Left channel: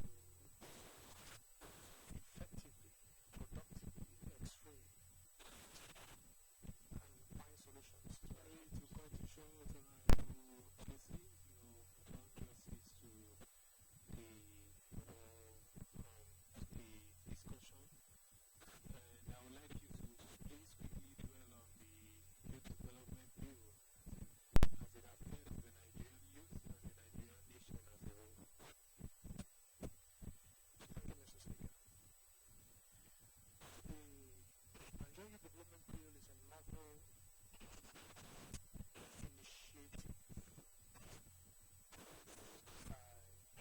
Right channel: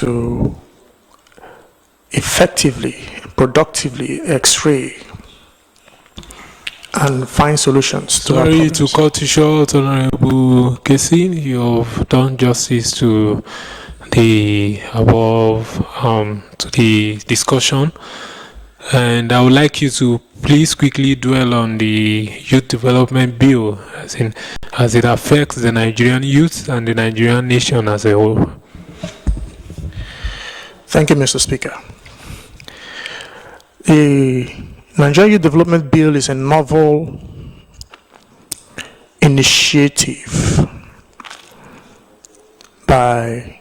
to effectively, productively X-ray and find solutions to our Sorry problems. to cut you short, Honorable Casey. You've done justice to the above, to the discussion. And I would like you to please quickly dwell on the Youth Development Bill, as it affects the Nigerian youth and the Nigerian nation as a whole. Thank you, Mr. Speaker. The Nigerian Youth Development Bill is a novel initiative by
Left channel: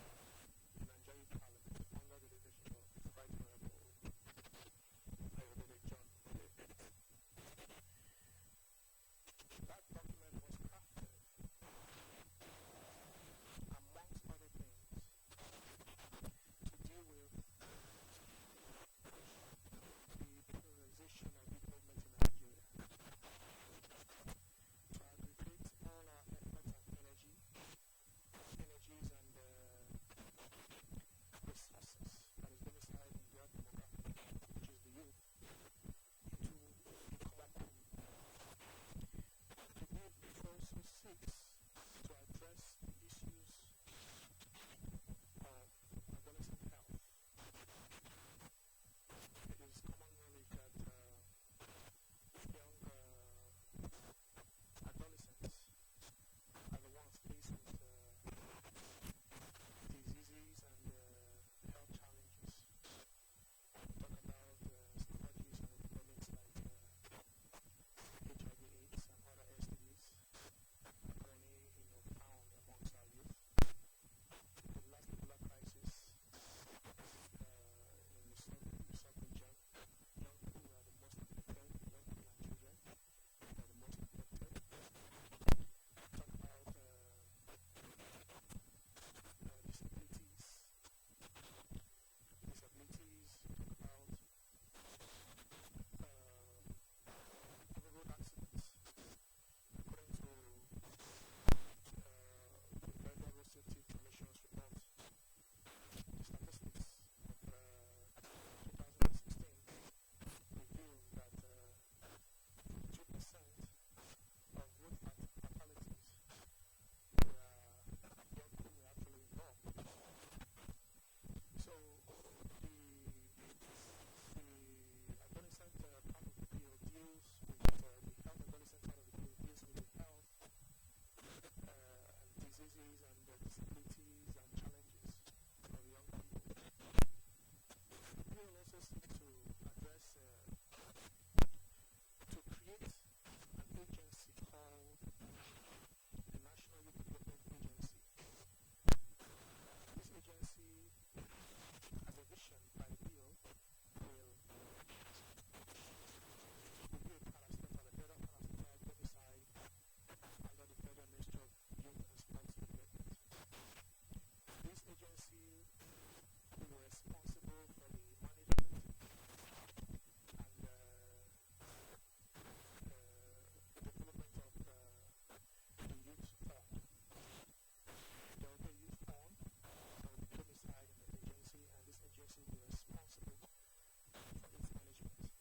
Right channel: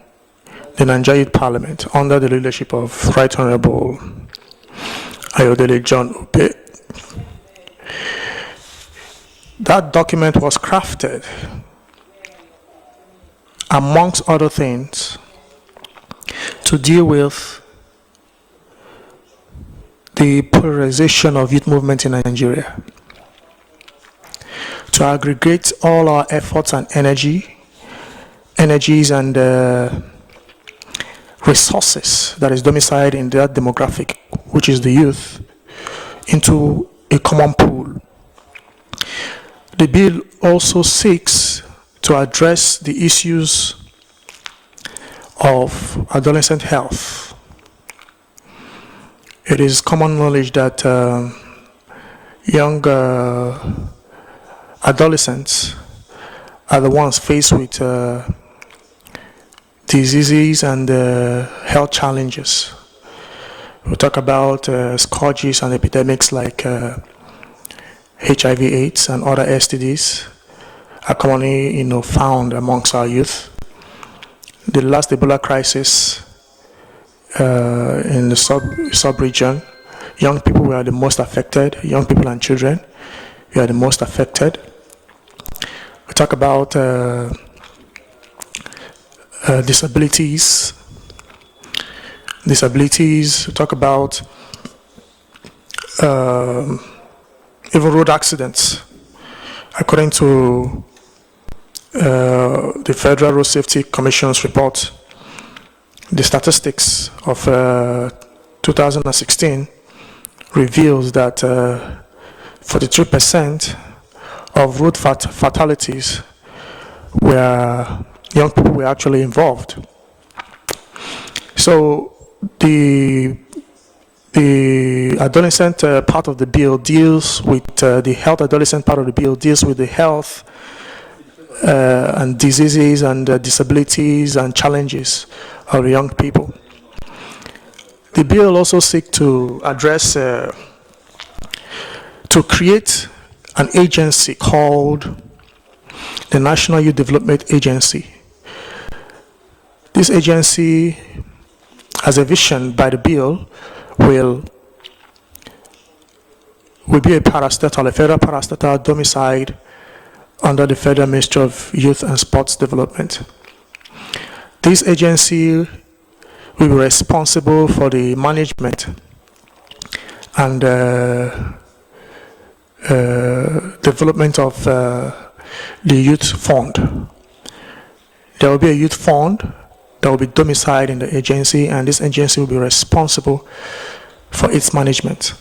the Nigerian Youth Parliament under the leadership of Right Honorable Ayodele John Ope. That document was crafted, amongst other things, to deal with the polarization of youth movement in Nigeria, to aggregate all our efforts and energies and resources that is domiciled in that demographic, which is the youth, into a common pool. The bill also seeks to address the issues of adolescent health. It is common knowledge that young adolescents are the ones faced with diseases and health challenges. We talk about scourges and epidemics like HIV/AIDS and other STDs are commonly, found amongst our youth. The last Ebola crisis in the sub-region, young people were the most affected. Young people and children were the most affected. We talk about disabilities. We talk about even road accidents. According to the Federal Road Safety Commission's report, the statistics of 2016 reveals that 43% of road fatalities where young people were actually involved. So the adolescent part of the bill deals with the health. Adolescent part of the bill deals with the health and diseases and disabilities and challenges of young people. The bill also seeks to address, to create an agency called the National Youth Development Agency. This agency, as a vision by the bill, will be a parastatal, a federal parastatal domiciled under the Federal Ministry of Youth and Sports Development. This agency will be responsible for the management and development of the youth fund. There will be a youth fund that will be domiciled in the agency, and this agency will be responsible for its management.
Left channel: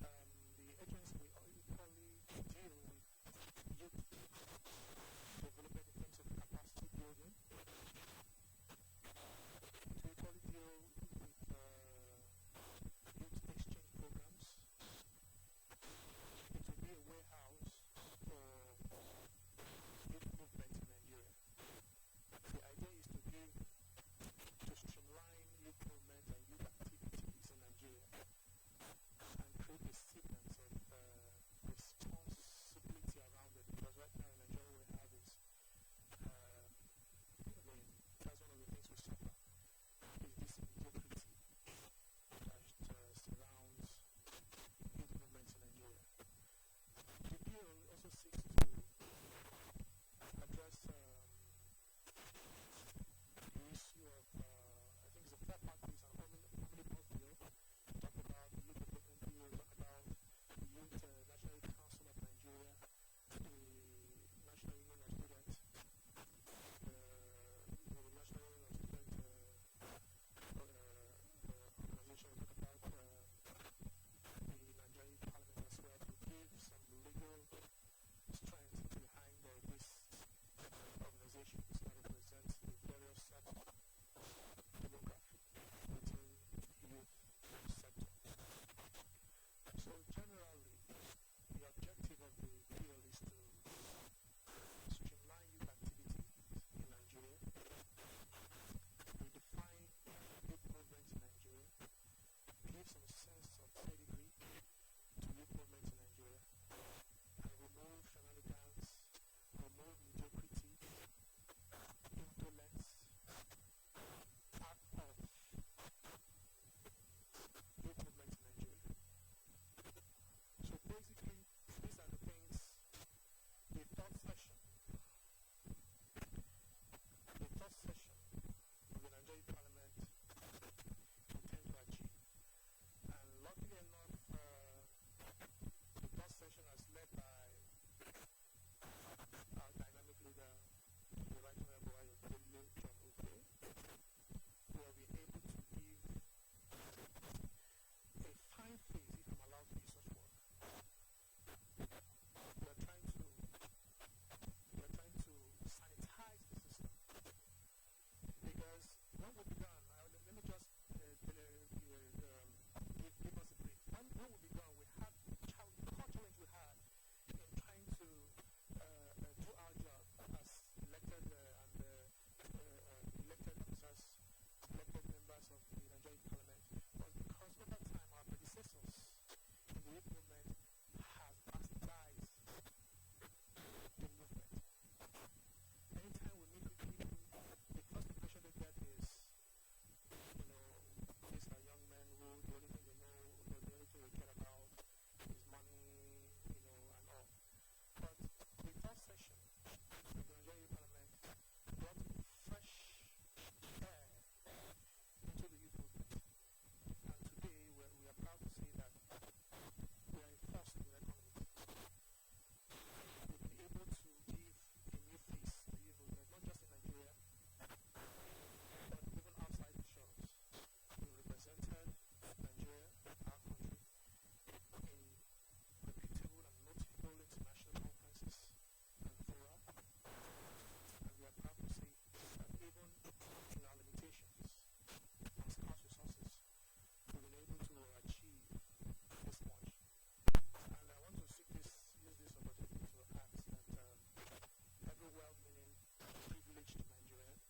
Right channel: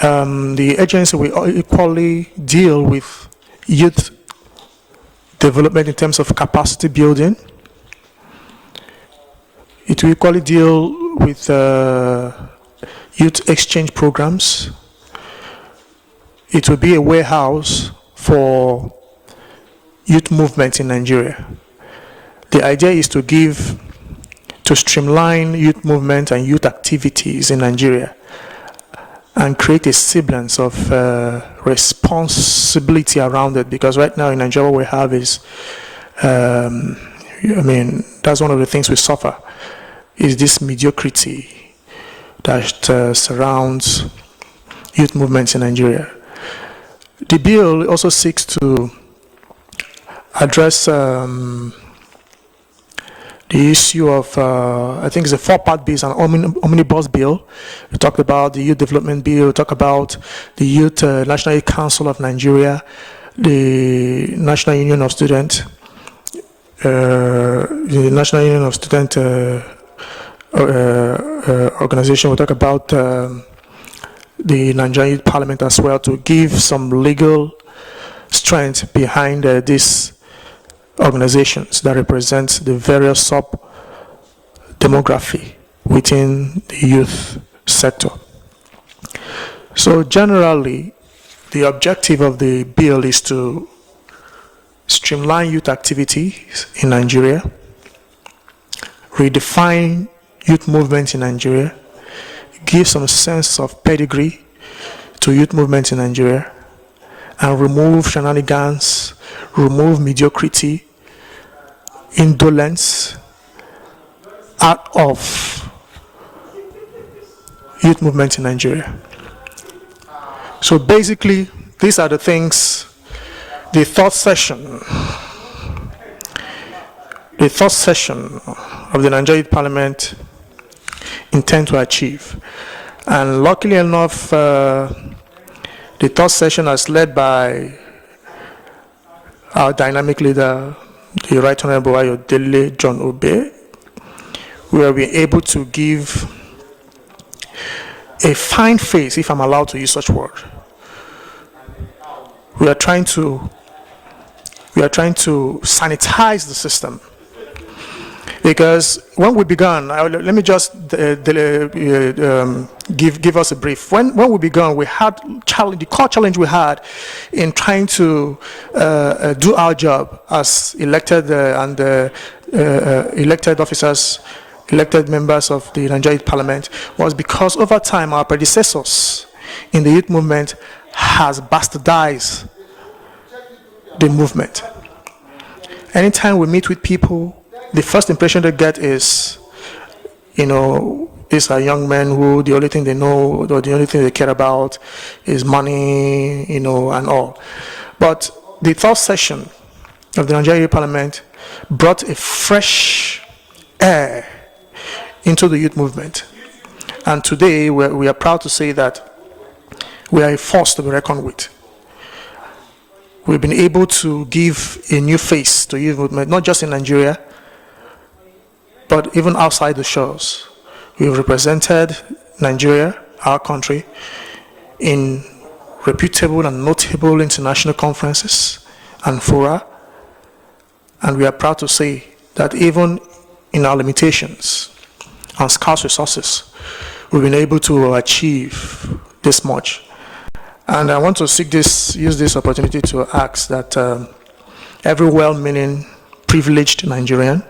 The agency will equally deal with youth development in terms of capacity building. It will equally deal with youth exchange programs. It will be a warehouse for youth movement in Nigeria. The idea is to streamline youth movement and youth activities in Nigeria and create a semblance of responsibility around it, because right now in Nigeria what we have is, that's one of the things we suffer, is this mediocrity that surrounds youth movements in Nigeria. The bill also seeks to address the issue of, I think it's a four-part bill, it's an omnibus bill. We talked about the Youth Development Bill, we talked about the Youth National Youth Council of Nigeria, the National Union of Students, the National Union of Student Organization will talk about the Nigerian Youth Parliament as well, to give some legal strength behind these organizations that represent the various sub-demography within the youth sector. So generally, the objective of the bill is to streamline youth activities in Nigeria, redefine youth movements in Nigeria, give some sense of pedigree to youth movements in Nigeria, and remove shenanigans, remove mediocrity, indolence out of youth movements in Nigeria. So basically, these are the things the third session of the Nigerian Youth Parliament intend to achieve. And luckily enough, the third session is led by our dynamic leader, the Right Honorable Ayodele John Obe, where we're able to give a fine face, if I'm allowed to use such word. We are trying to sanitize the system, because when we began, let me just give us a brief. When we began, we had the core challenge we had in trying to do our job as elected elected officers, elected members of the Nigerian Parliament, was because over time our predecessors in the youth movement has bastardized the movement. Anytime we meet with people, the first impression they get is, these are young men who the only thing they know, or the only thing they care about is money, and all. But the third session of the Nigerian Parliament brought a fresh air into the youth movement. And today we are proud to say that we are a force to be reckoned with. We've been able to give a new face to youth movement, not just in Nigeria, but even outside the shores. We've represented Nigeria, our country, in reputable and notable international conferences and fora. And we are proud to say that even in our limitations and scarce resources, we've been able to achieve this much. And I want to use this opportunity to ask that every well-meaning, privileged Nigerian